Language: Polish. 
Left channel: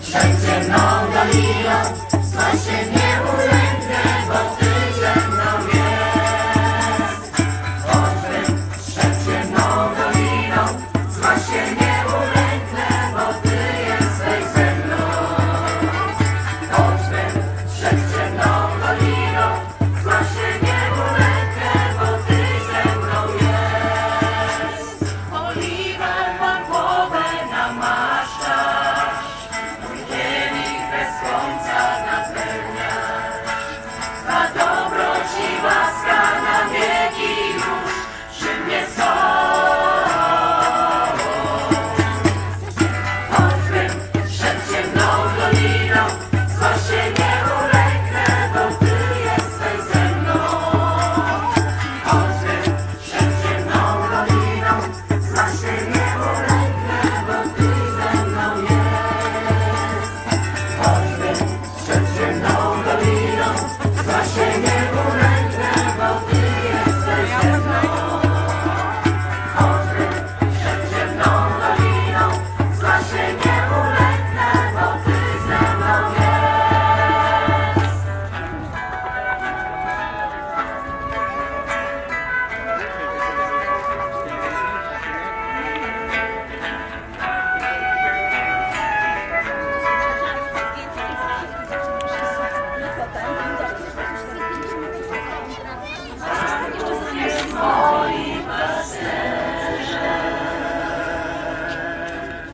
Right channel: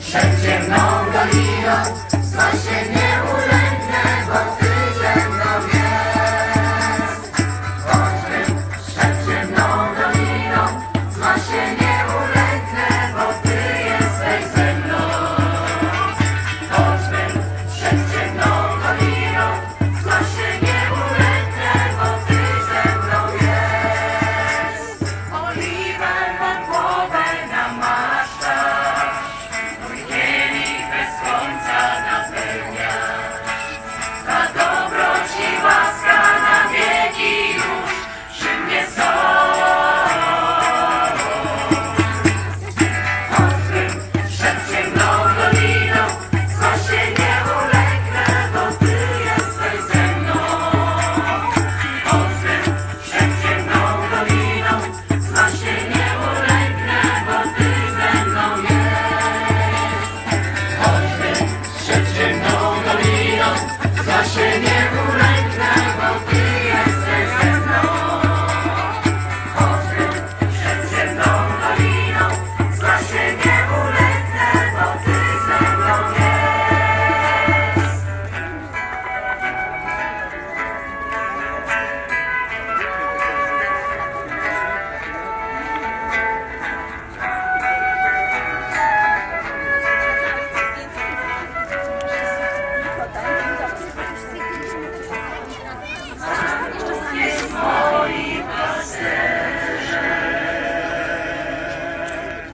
Wszędzie mną doliną, zła się nie ulegnę, bo